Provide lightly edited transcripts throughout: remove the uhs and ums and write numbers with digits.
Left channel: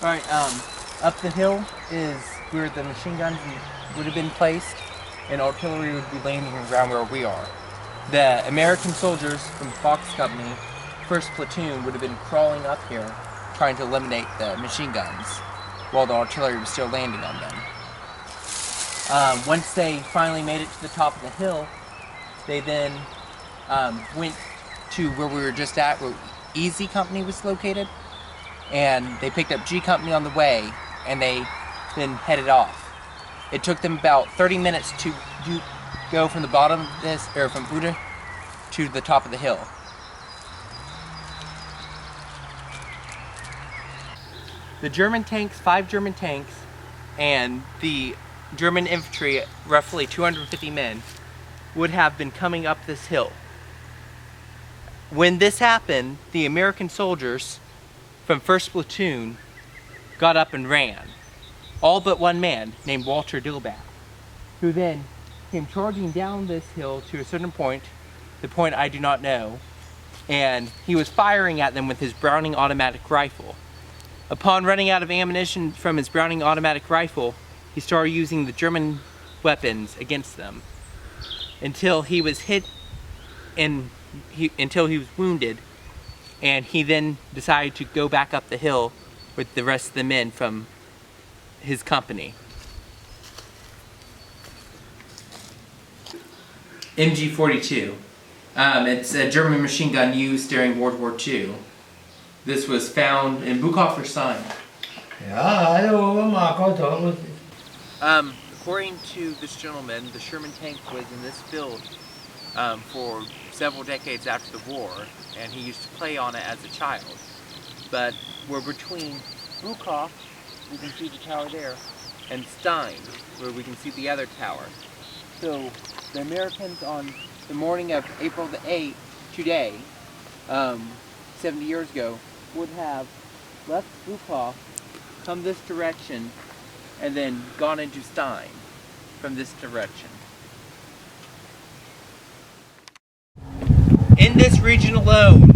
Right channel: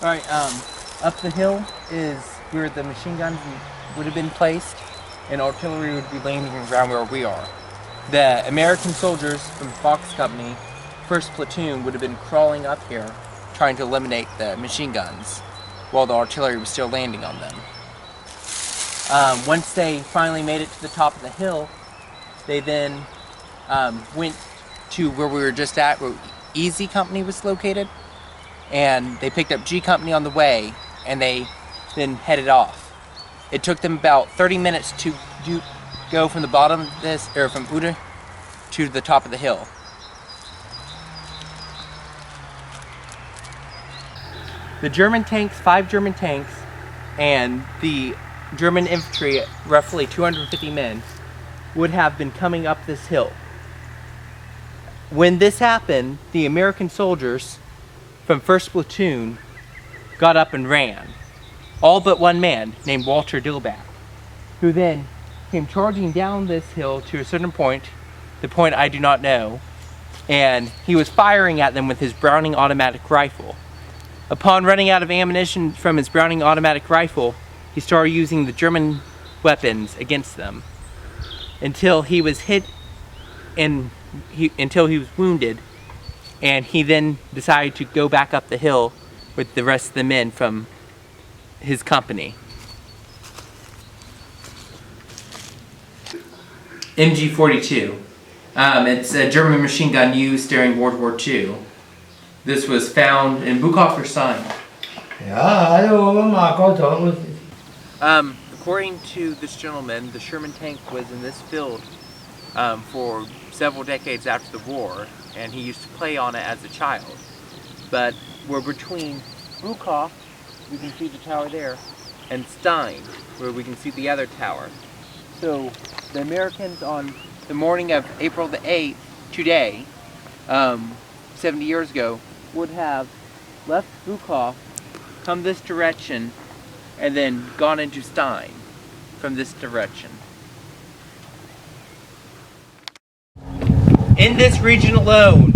Alright, up the hill is where the machine guns would have been placed, and artillery would be landing around where we are. The American soldiers from Fox Company, 1st Platoon, would have been crawling up here, trying to eliminate the machine guns, while the artillery was still landing on them. Once they finally made it to the top of the hill, they then went to where we were just at, where Easy Company was located, and they picked up G Company on the way, and they then headed off. It took them about 30 minutes to go from the bottom of this, or from Uda to the top of the hill. The German tanks, 5 German tanks, and the German infantry, roughly 250 men, would have been coming up this hill. When this happened, the American soldiers from 1st Platoon got up and ran. All but one man named Walter Dillback, who then came charging down this hill to a certain point, the point I do not know, and he was firing at them with his Browning automatic rifle. Upon running out of ammunition from his Browning automatic rifle, he started using the German weapons against them until he was hit and until he was wounded, and he then decided to go back up the hill with the rest of the men from his company. MG-42. It's a German machine gun used during World War II. This was found in Buchhof and Stein. According to this gentleman, the Sherman tank was in this field for several decades after the war, and he used to play on it as a child. But we're between Buchhof, we can see the tower there, and Stein, where we can see the other tower. So the Americans on the morning of April the 8th, today, 70 years ago, would have left Buchhof, come this direction, and then gone into Stein from this direction. In this region alone,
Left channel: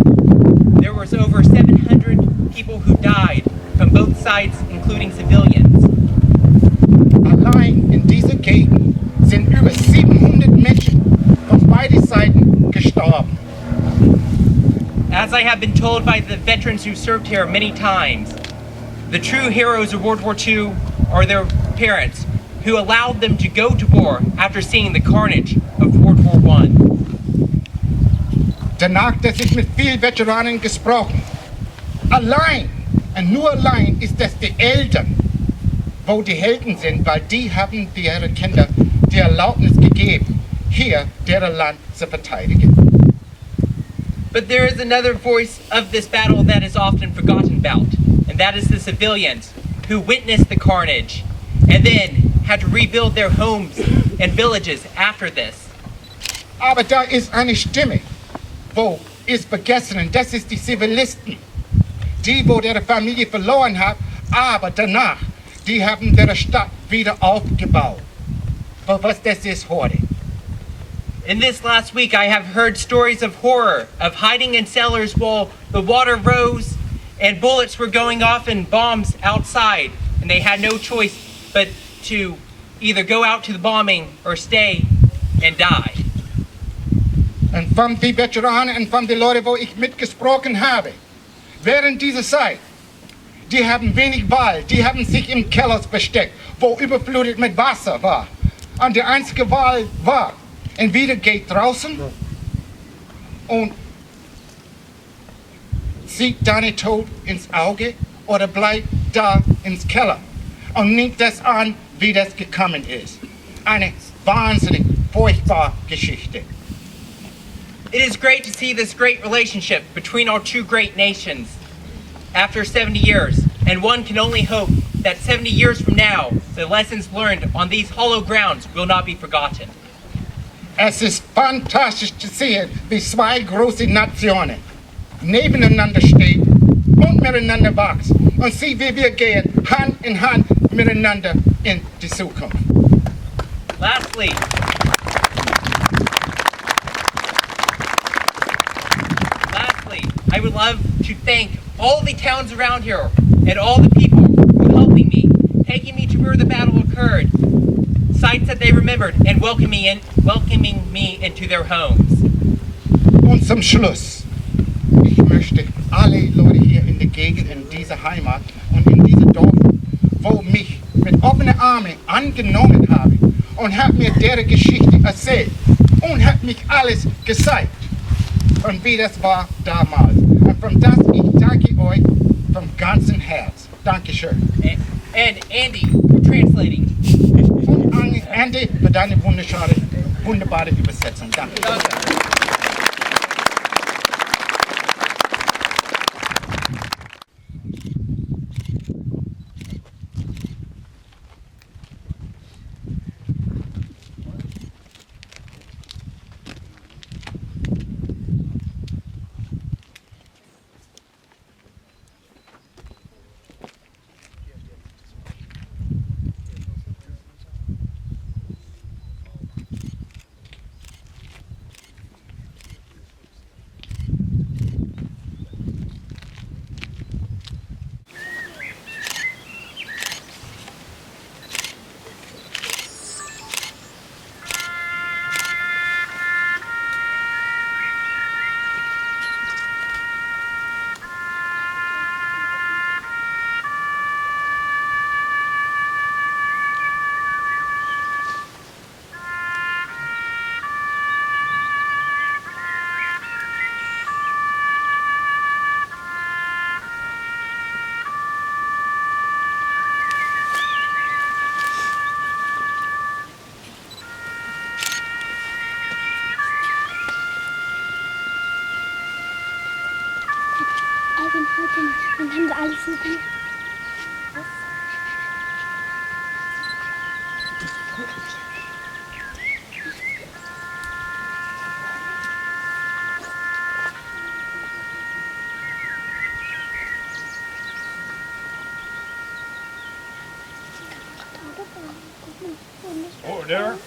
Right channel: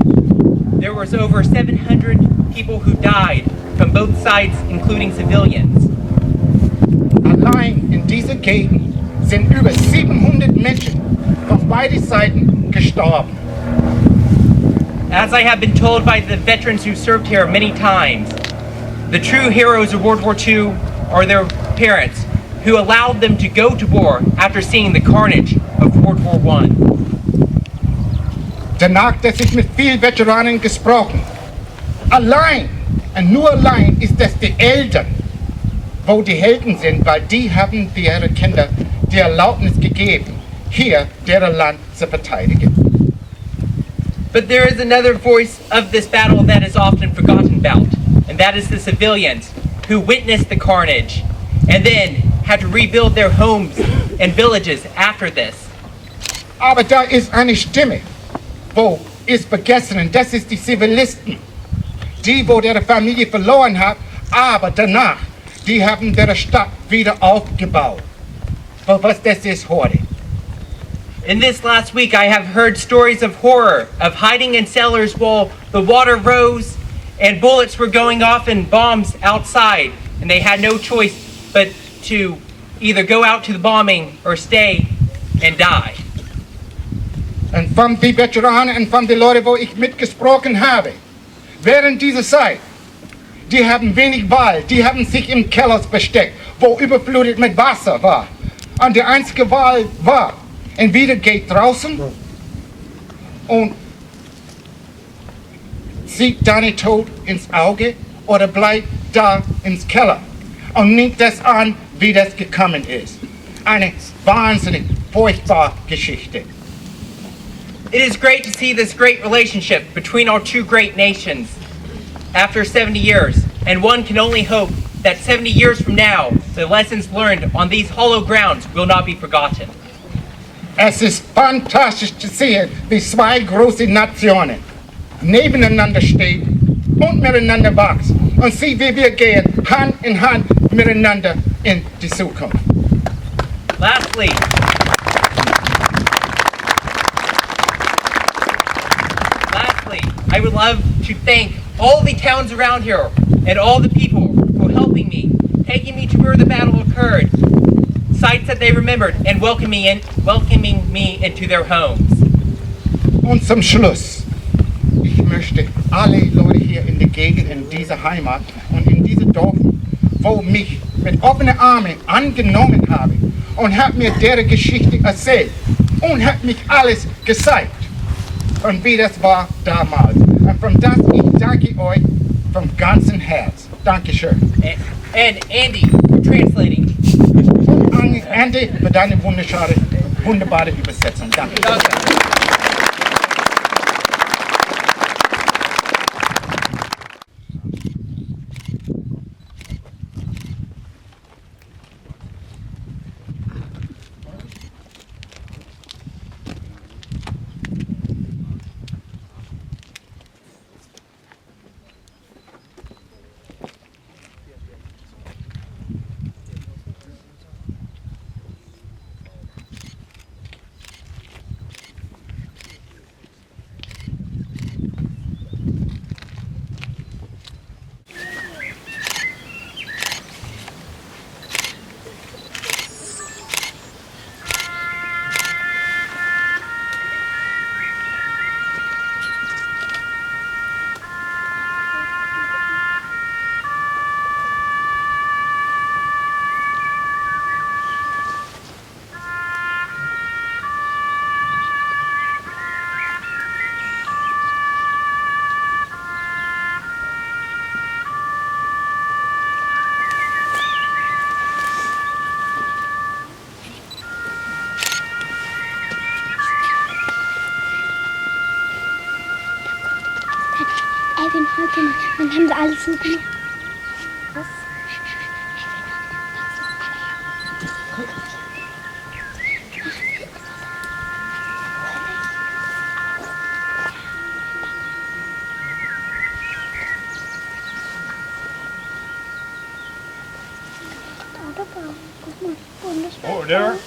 there was over 700 people who died from both sides, including civilians. Allein in dieser Gegend sind über 700 Menschen von beiden Seiten gestorben. As I have been told by the veterans who served here many times, the true heroes of World War II are their parents, who allowed them to go to war after seeing the carnage of World War I. Danach, dass ich mit vielen Veteranen gesprochen. Allein und nur allein ist das die Eltern, wo die Helden sind, weil die haben ihre Kinder die Erlaubnis gegeben, hier deren Land zu verteidigen. But there is another voice of this battle that is often forgotten about, and that is the civilians who witnessed the carnage and then had to rebuild their homes and villages after this. Aber da ist eine Stimme, wo ist vergessen, und das ist die Zivilisten. Die, wo ihre Familie verloren hat, aber danach, die haben ihre Stadt wieder aufgebaut. Was das ist heute. In this last week, I have heard stories of horror, of hiding in cellars while the water rose and bullets were going off and bombs outside, and they had no choice but to either go out to the bombing or stay and die. Und von den Veteranen und von den Leuten, wo ich mitgesprochen habe, während dieser Zeit, die haben wenig Wahl, die haben sich im Keller versteckt, wo überflutet mit Wasser war. Und die einzige Wahl war, entweder geht draußen und sieht deinen Tod ins Auge oder bleibt da ins Keller und nimmt das an, wie das gekommen ist. Eine wahnsinnig furchtbare Geschichte. It is great to see this great relationship between our two great nations after 70 years, and one can only hope that 70 years from now, the lessons learned on these hollow grounds will not be forgotten. Es ist fantastisch zu sehen, wie zwei große Nationen nebeneinander stehen und miteinander wachsen und sehen, wie wir gehen Hand in Hand miteinander in die Zukunft. Lastly, I would love to thank all the towns around here and all the people taking me to where the battle occurred, sites that they remembered, and welcoming me into their homes. Und zum Schluss, ich möchte alle Leute hier in der Gegend, in dieser Heimat und in diesem Dorf, wo mich mit offenen Armen angenommen haben und hat mir deren Geschichte erzählt und hat mich alles gezeigt, und wie das war damals. Und von das ich danke euch vom ganzen Herz. Dankeschön. And Andy, for translating. Und Andi für deine wunderbare Übersetzung. Danke. Dann haben sie alles so gemacht. Was? Order.